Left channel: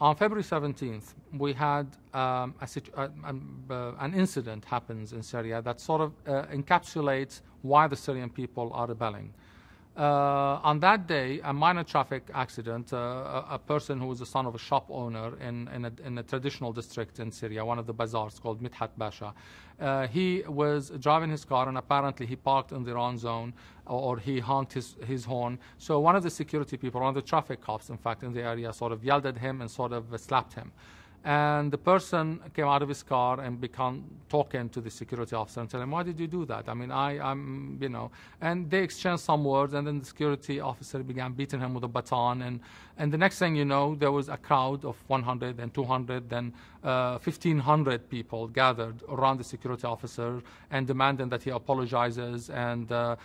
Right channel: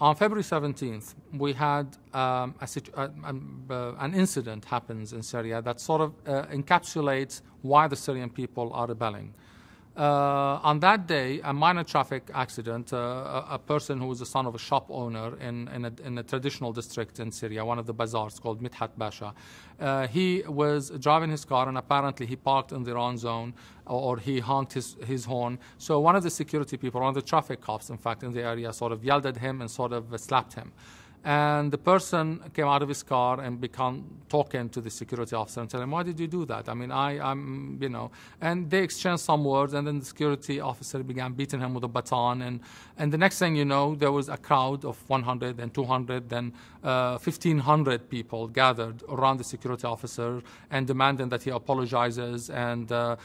On February 17th, we had an incident happens in Syria that sort of encapsulates why the Syrian people are rebelling. On that day, a minor traffic accident, a person who was the son of a shop owner in a traditional district in Syria, one of the bazaars called Midhat Basha. He was driving his car and apparently he parked in the wrong zone, or he honked his horn. So one of the security people, one of the traffic cops, in fact, in the area sort of yelled at him and sort of slapped him. And the person came out of his car and began talking to the security officer and telling him, why did you do that? I mean, I'm, you know, and they exchanged some words, and then the security officer began beating him with a baton. And the next thing you know, there was a crowd of 100 and 200, then 1,500 people gathered around the security officer and demanding that he apologizes. And the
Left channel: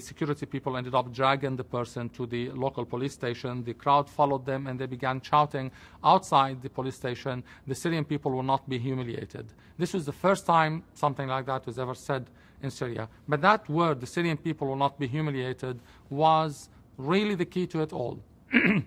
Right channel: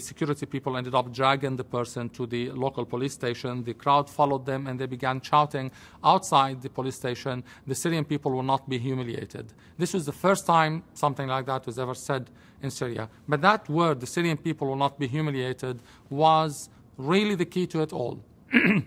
security people ended up dragging the person to the local police station. The crowd followed them and they began shouting outside the police station, the Syrian people will not be humiliated. This was the first time something like that was ever said in Syria. But that word, the Syrian people will not be humiliated, was really the key to it all. The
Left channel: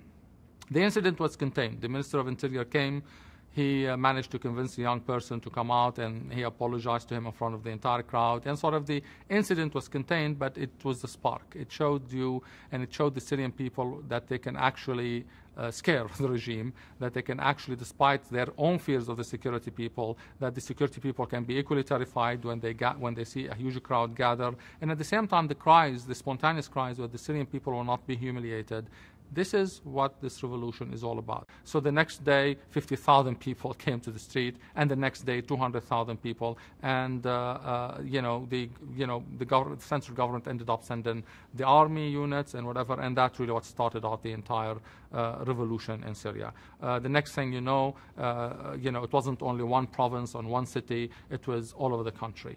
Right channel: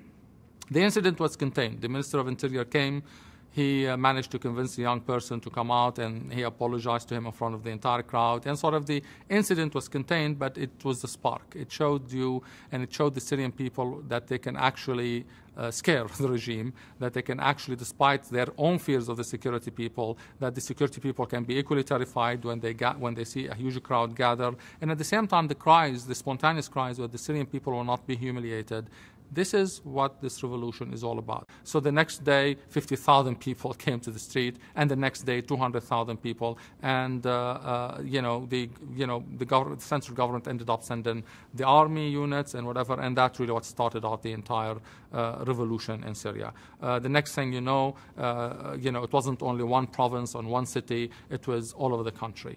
incident was contained. The Minister of Interior came. He managed to convince the young person to come out, and he apologized to him in front of the entire crowd. And sort of the incident was contained, but it was the spark. It showed you, and it showed the Syrian people that they can actually scare the regime, that they can actually, despite their own fears of the security people, that the security people can be equally terrified when they see a huge crowd gather. And at the same time, the cries, the spontaneous cries, where the Syrian people will not be humiliated. This is what this revolution is all about. So the next day, 50,000 people came to the street, and the next day, 200,000 people. And the central government ended up sending the army units and whatever, and that's really what started out the entire revolution in Syria. The next thing you know, it wasn't only one province or one city; it was all over the country.